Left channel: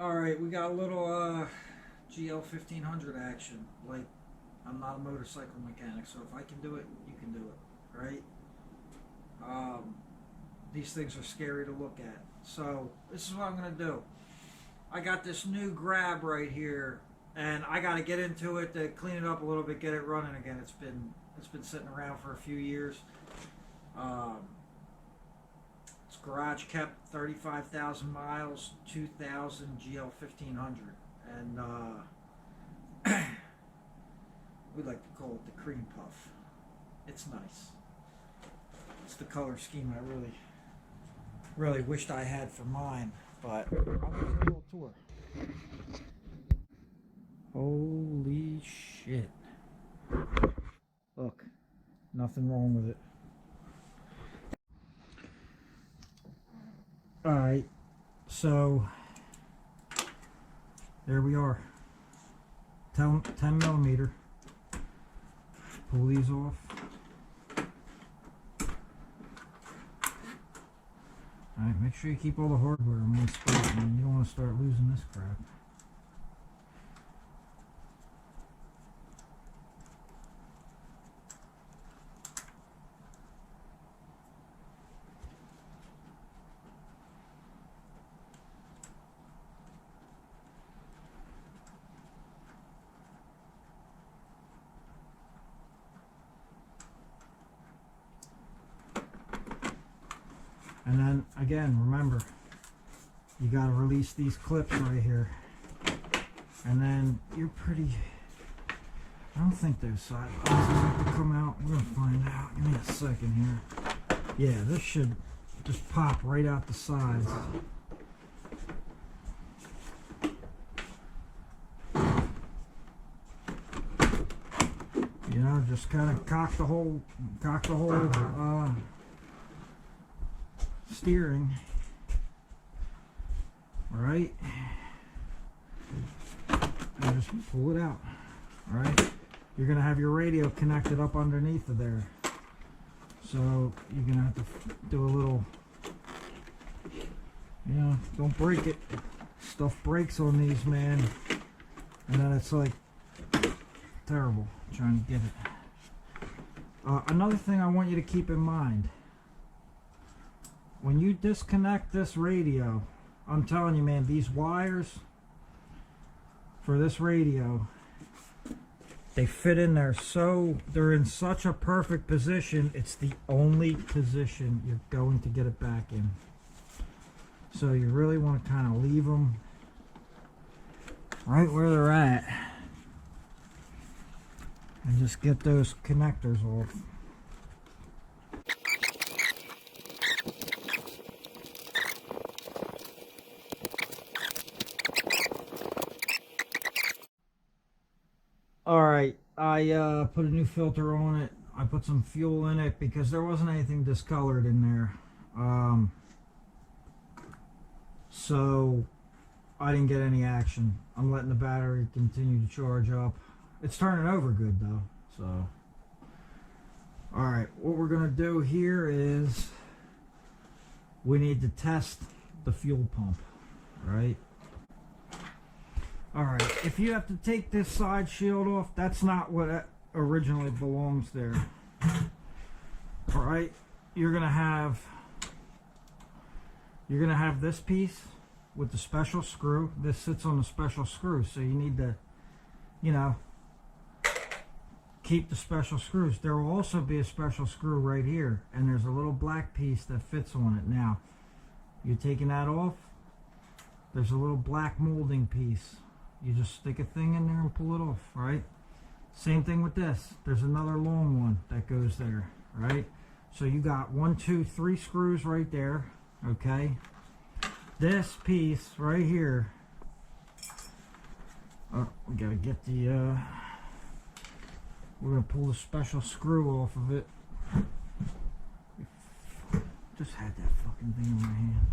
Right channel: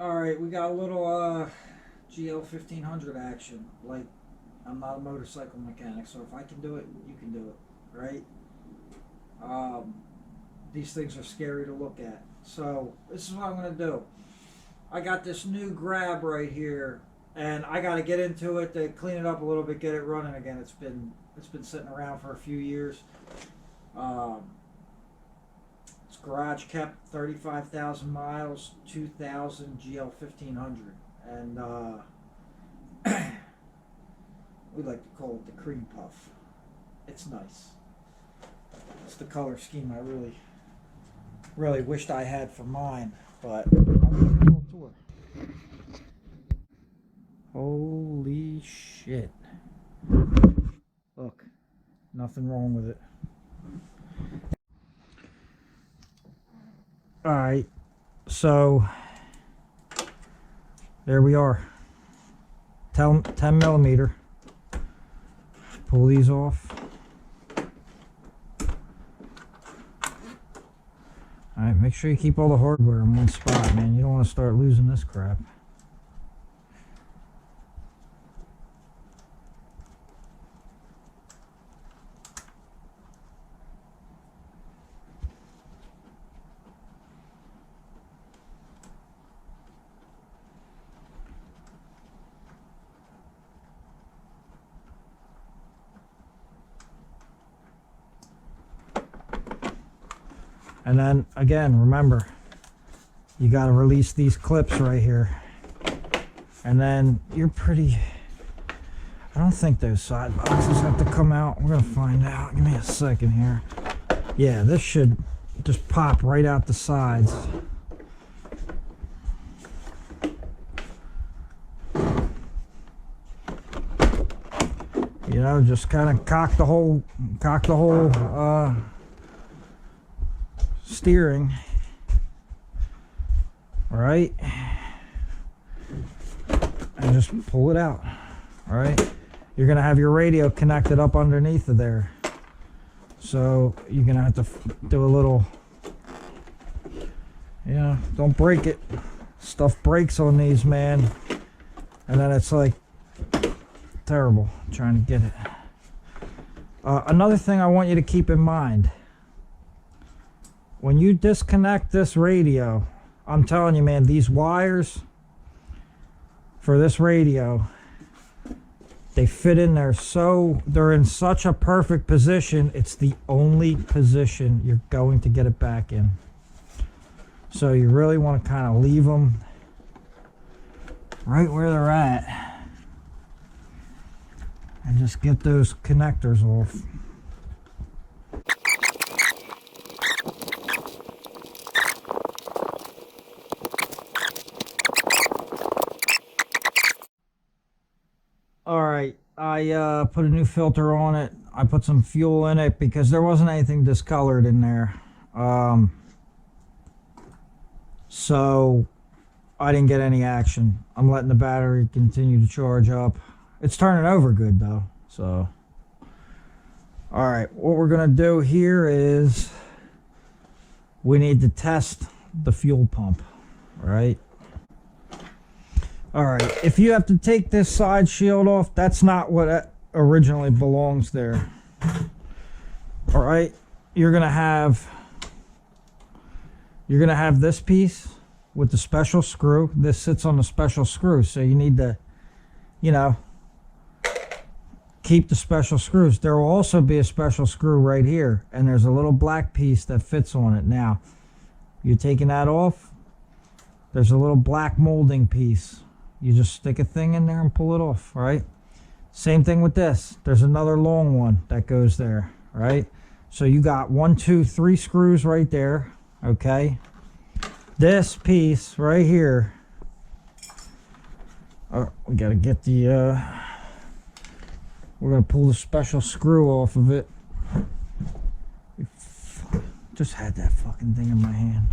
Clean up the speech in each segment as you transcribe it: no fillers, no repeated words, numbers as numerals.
Alright, we got a little GL1500 action. Like, I'm not a motorcycle mechanic, so if I can do it, you can do it, right? Um, these things are scary to look at. So, this is what I'm going to do. I got this new grab right here, and I got to get into it to clean it up a little bit, get it running again. It's been sitting around for a few years. Um, it's garage kept, 35,000 miles, 2000 GL1500, and we like to call it the cream puff. It's nice. It's the color scheme I really wished I had for mine, but I'll give you a little tour. Holy shit. Look, nothing wrong with it. Alright, so there we are. 10 millimeter. Pull these off. Alright, make sure you keep all the hardware in one spot, man. You don't want to start losing this crap. And then again, remember, you got to release these clips right here, and then you're pretty. I don't think those side boxes have to come out. We're gonna find out. Give me a second here. Yeah, this should just pop right out the sides. You know, just kind of cock the whole steering. All right, and just pull it out. All right, you're gonna have your radio connected up underneath of there, so you're gonna have to do a little, you know, don't break it. Stuff breaks on these, man, and then it's like terrible trying to get it. Another thing I want you to keep in mind, when you disconnect this radio, I'm telling you, man, these wires for this radio, they fit in there, so they're in such a perfect position. It's the only position you're going to get it back in. So you really want to kind of leave them right where they're at and just get those connectors off. Alright, I put a new filter on it. I put some fuel in it because there wasn't anything discolored in there. So I didn't get any action. I'm letting the battery continue to charge up. It's turning over good though. So alright, what we're going to do here is we need to test the fuel pump. Alright. Alright, if you have to take this side shield off, that's not what originally belongs there. Alright, you're gonna have this piece with the special screw. This sits on the special screw, so you need to, you know, keep the special screws. There will also be a special screw right here, and there's a little black piece that fits on it. Now, you're taking that off, there's a little black molding piece. You just stick a thing in there and pull it off, right? Same thing with this. There's another long one that goes there, right? So you got 1, 2, 3 screws right there, okay? This piece right here, we gotta get the, we're gonna pull the special screw off of it. Just had that fucking thing in my hand.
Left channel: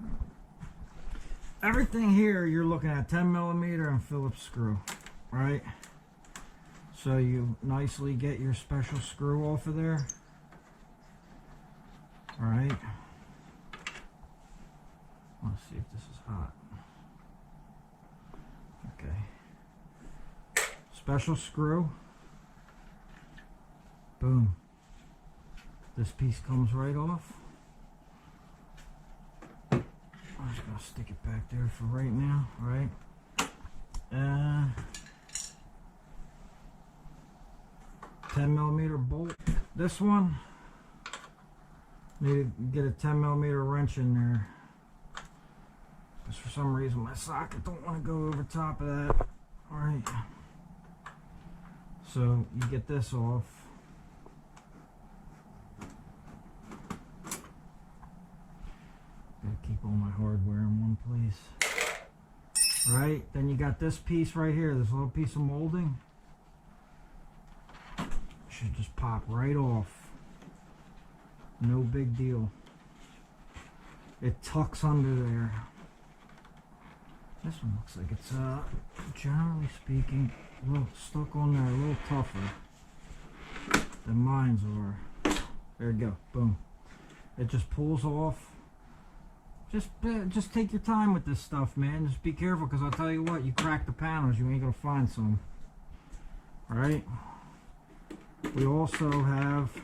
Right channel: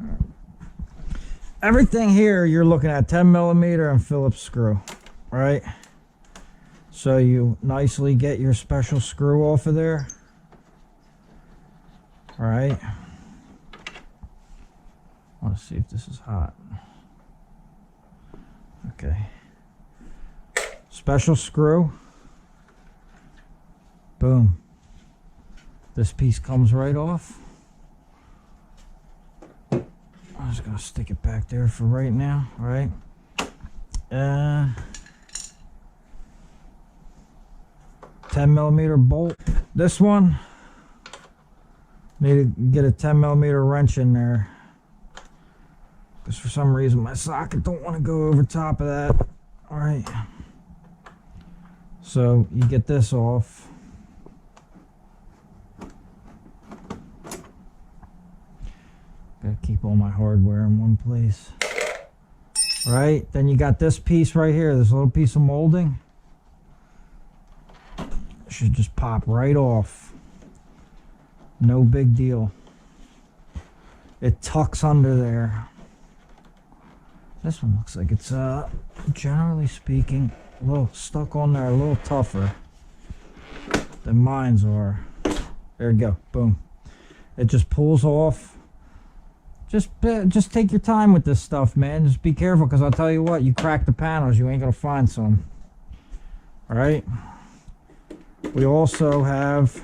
All right. Everything here you're looking at 10 millimeter and Phillips screw, right? So you nicely get your special screw off of there. All right. I'll Let's see if this is hot. Okay. Special screw. Boom. This piece comes right off. I'm just gonna stick it back there for right now, all right? 10mm bolt. This one, need to get a 10mm wrench in there. Because for some reason my socket don't want to go over top of that. All right. So you get this off. Gotta keep all my hardware in one place. All right, then you got this piece right here, this little piece of molding. It should just pop right off. No big deal. It tucks under there. This one looks like it's, generally speaking, a little stuck on there, a little tougher than mine's are. There you go, boom. It just pulls off. Just take your time with this stuff, man. Just be careful, because I'll tell you what, you crack the panels, you ain't gonna find some. All right. We also have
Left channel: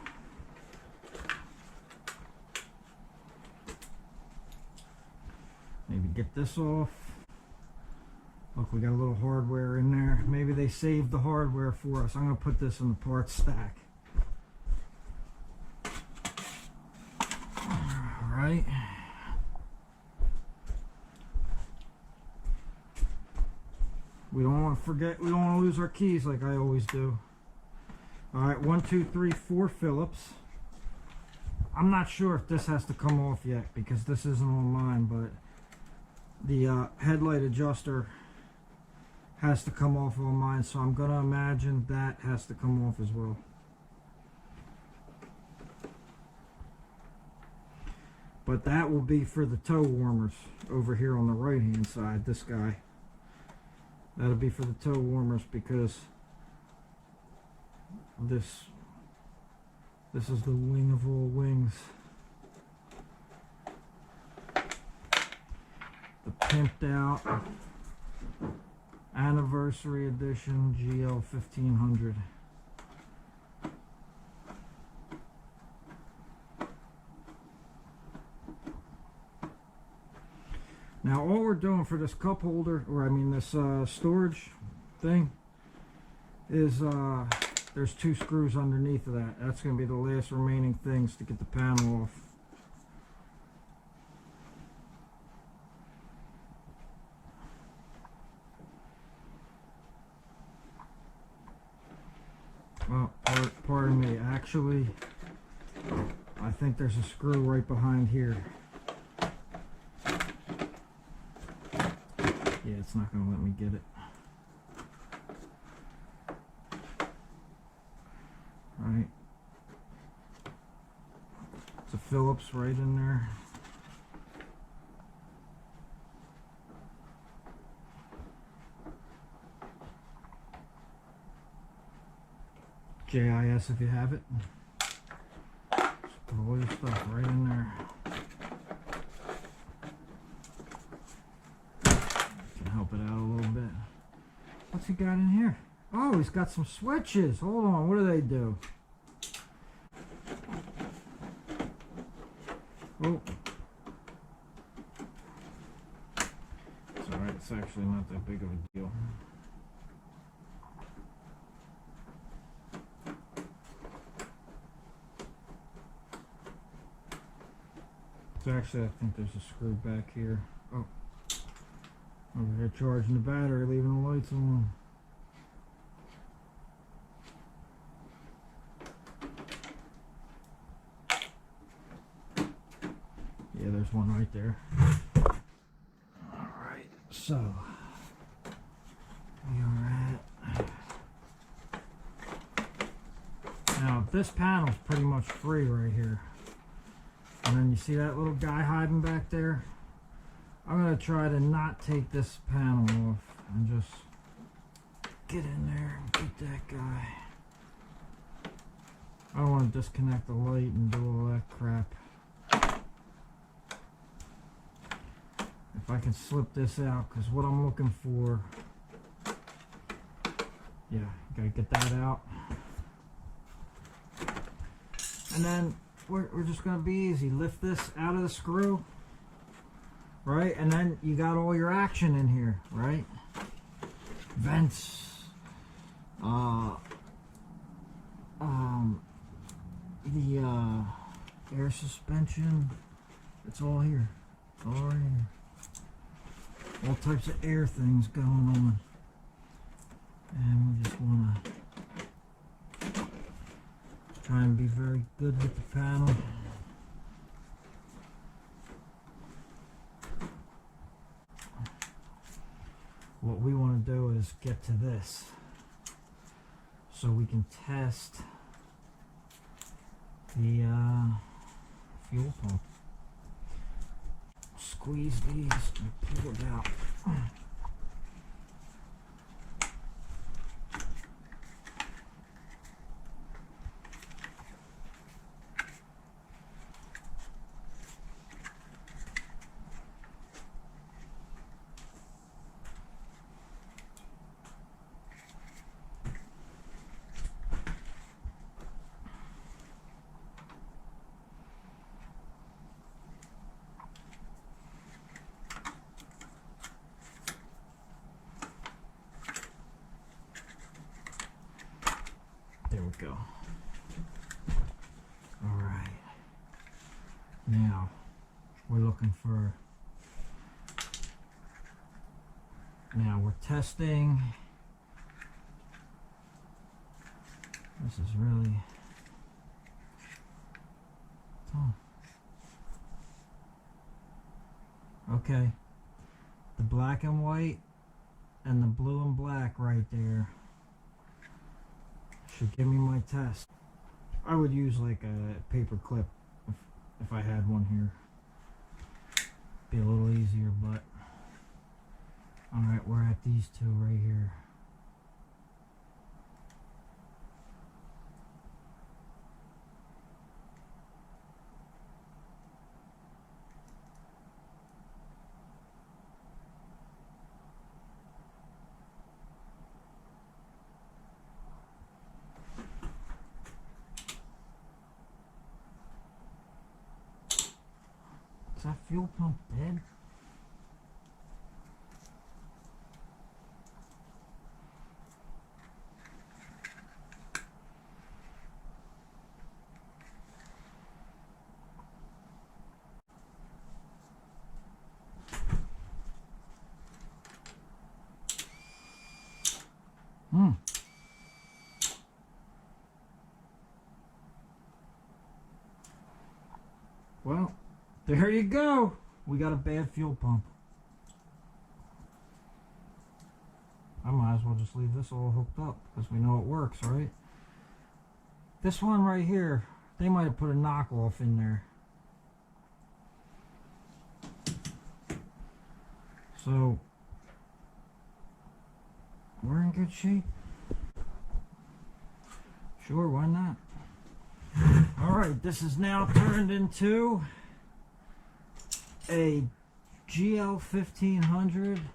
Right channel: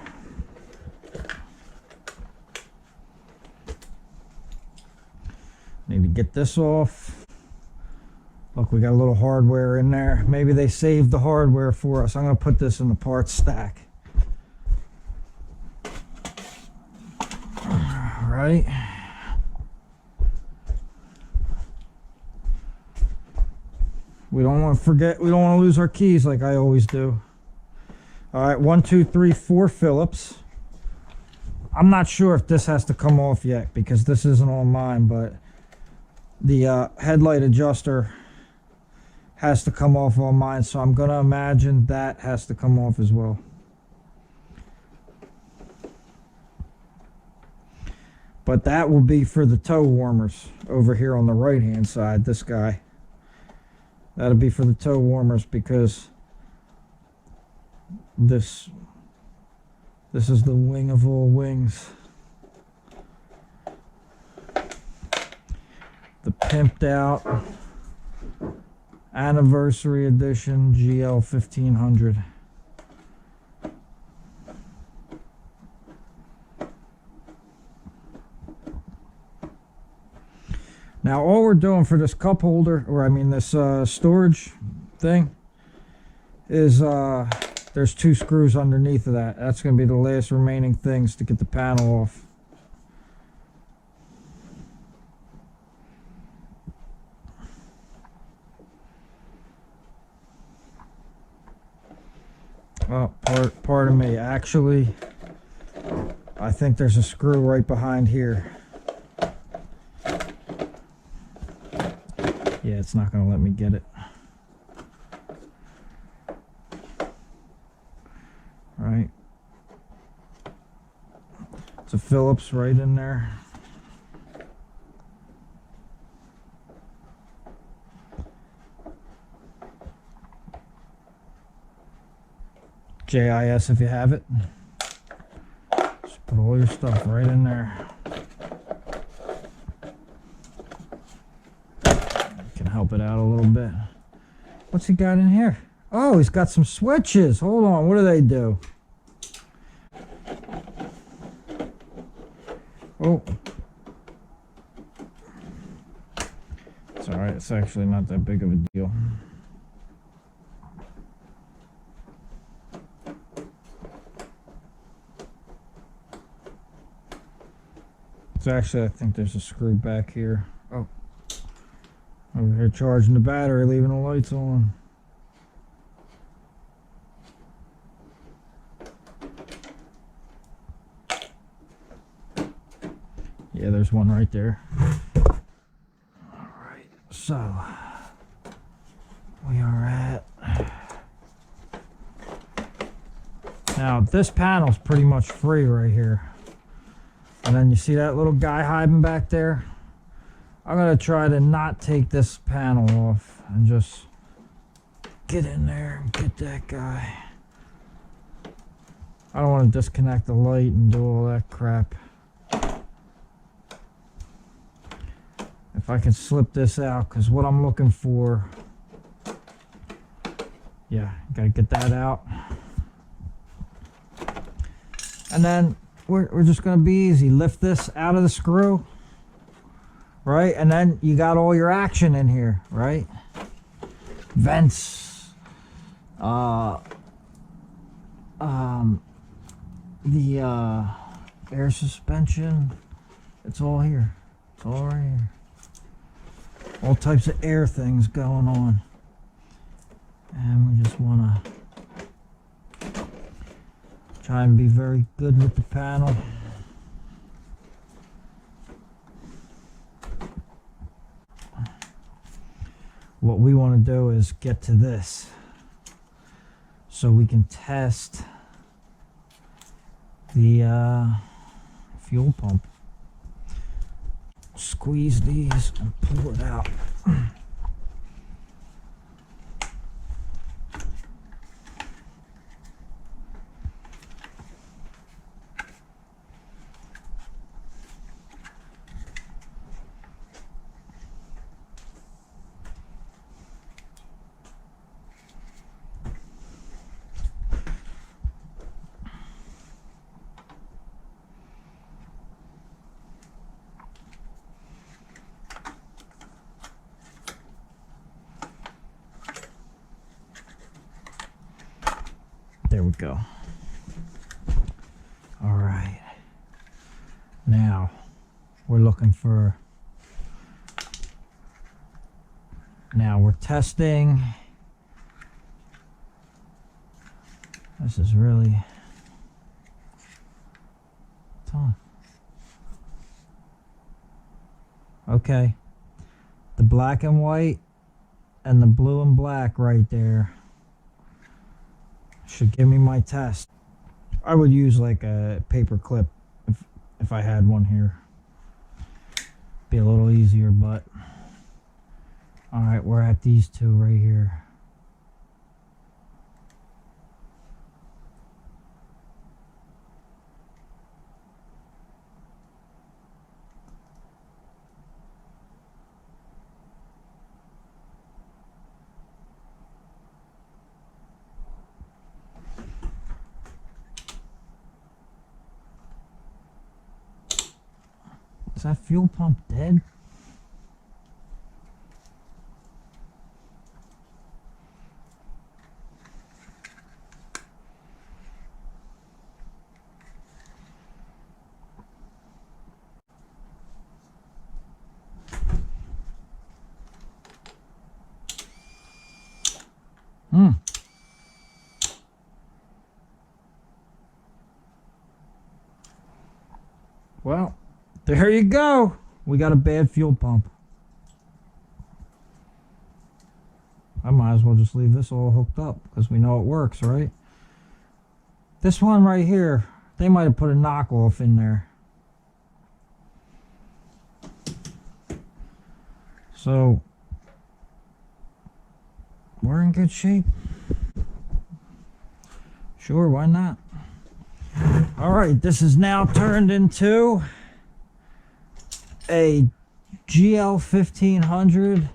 maybe get this off. Look, we got a little hardware in there. Maybe they saved the hardware for us. I'm gonna put this in the parts stack. All right. We don't want to forget, we don't want to lose our keys like I always do. All right, 1, 2, 3, 4 Phillips. I'm not sure if this has to come off yet because this isn't on mine, but the headlight adjuster has to come off on mine, so I'm going to imagine that has to come off as well. But that will be for the toe warmers over here on the right hand side, this guy. That'll be for the toe warmers because this is the wing of all wings. The pimped out anniversary edition GL1500. Now all we're doing for this cup holder, or I mean this storage thing, is there's 2 screws underneath of that. That's going to be the last remaining things to get the panel off. Oh, pardon me. Actually, I think there's a screw right behind here. Yeah, it's not going to let me get it. All right. It's a Phillips right in there. JIS if you have it. Just put all your stuff right in there. Help it out a little bit. What's he got in here? Oh, he's got some switches. Hold on, what do they do? Oh. It's alright, it's actually not that big of a deal. It's actually, I think there's a screw back here. Oh. Over here charging the battery, leaving the lights on. Yeah, there's one right there. Alright, so we are at... Now, this panel's pretty much free right here. And then you see that little guy hiding back there? I'm going to try to not take this panel off and just get in there and get that guy. I don't want to disconnect the light and do all that crap. I can slip this out, because what I'm looking for, yeah, gotta get that out. And then we're just gonna be easy. Lift this out of the screw, right? And then you got all your action in here, right? Vents, the air suspension, it's all here. It's all right here. All types of air things going on. And we just want to try and be very good with the panel. What we want to do is get to this so we can test the fuel pump. Squeeze these and pull it out. There we go. All right. Now we're looking for, now we're testing. This is really tough. Okay. The black and white and the blue and black right there should give me my test. I would use like a paper clip if I had one here. Be a little easier, but all right, we're at these two right here. Is that fuel pump dead? Well, there you go. We got a bad fuel pump. I might as well just leave this all hooked up because we know it works, right? This one right here, they might have put a knockoff in there. So, we're in good shape. Sure, why not? Alright, this is now turned into a GL1500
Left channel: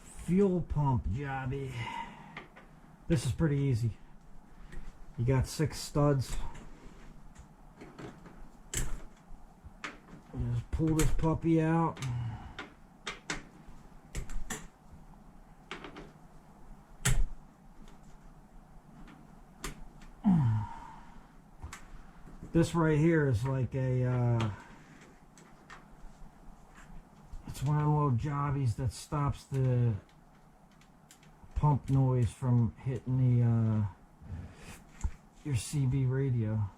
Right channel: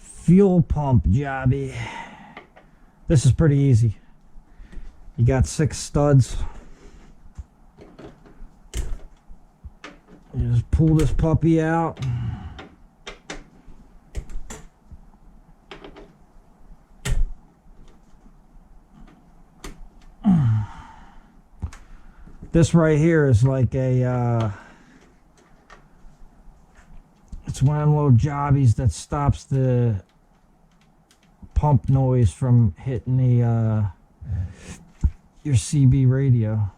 fuel pump jobby. This is pretty easy. You got 6 studs. You just pull this puppy out. This right here is like a it's one of them little jobbies that stops the pump noise from hitting the your CB radio.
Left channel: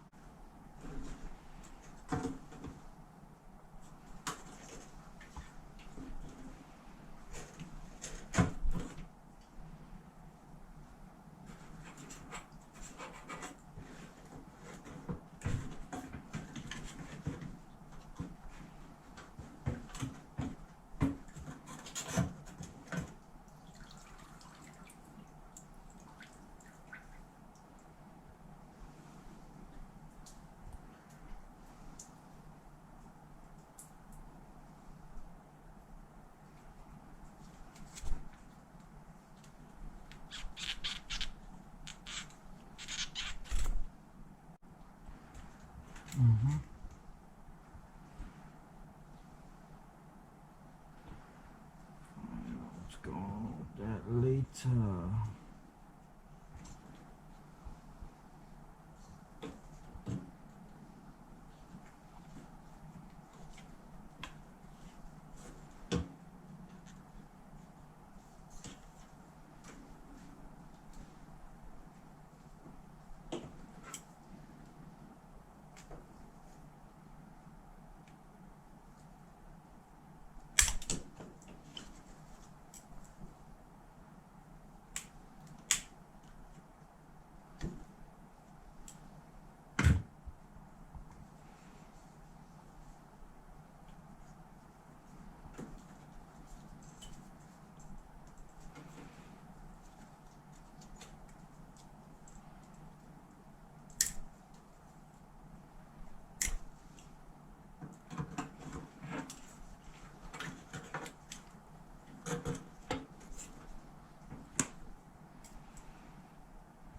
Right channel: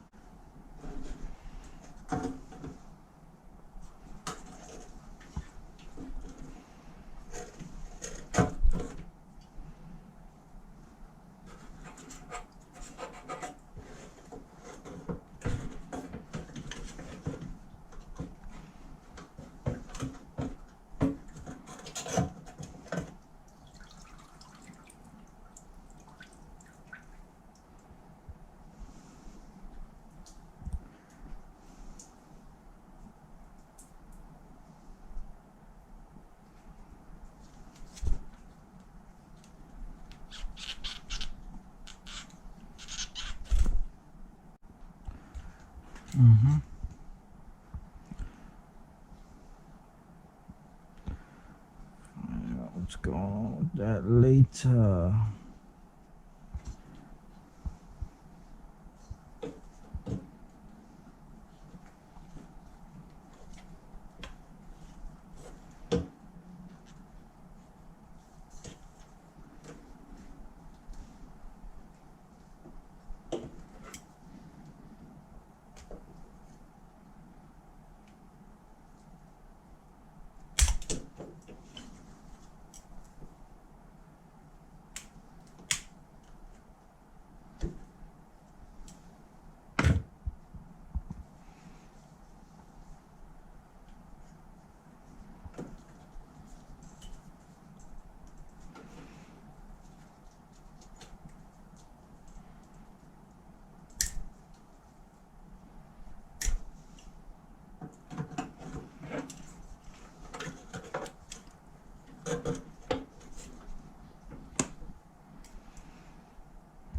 going on with that later.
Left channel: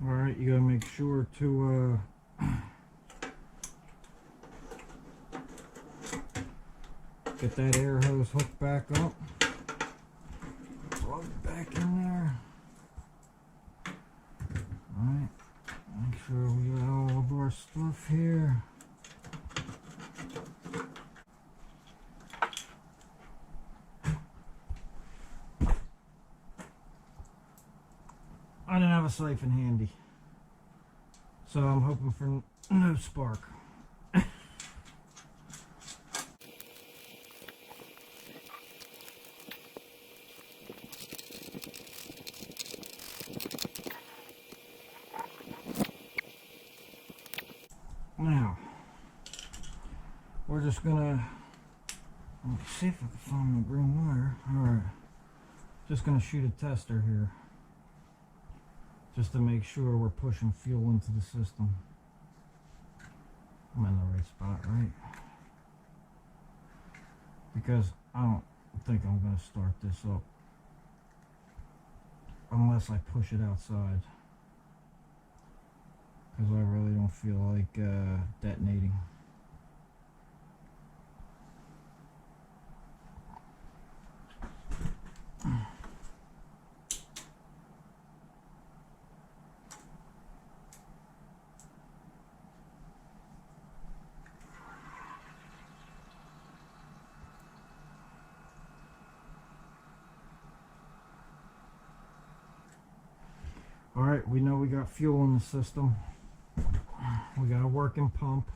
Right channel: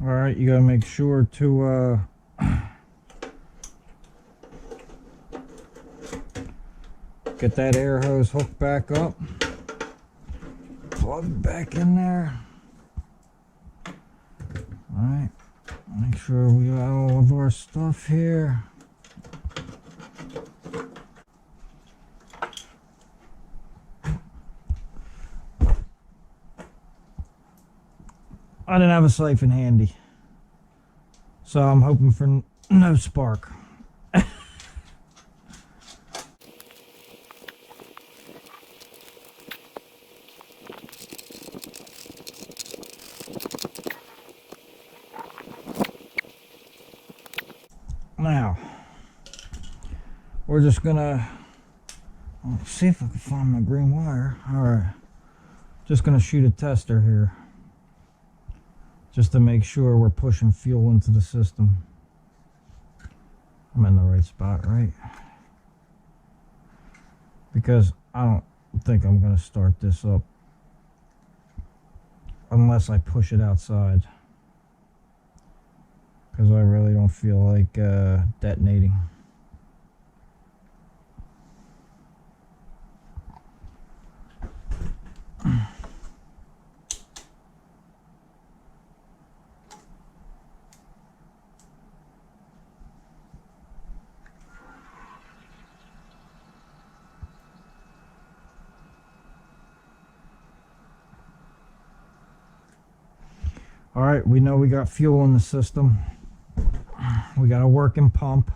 Alright, you gotta make sure to get that air hose hooked back up. Plug it back in there. Alright, make sure we got all of our stuff here. I didn't have a siphon handy, so I'm hoping for no spark. Now, we're just gonna see if I can find my green wire. Alright, just gonna shoot a tester here, just to make sure we're pushing fuel into the system. I'm in the right spot, right? Because I don't think I'm gonna start this up unless I push it outside, because I really don't feel like detonating. All right, we know we got fuel in the system. We got a working pump.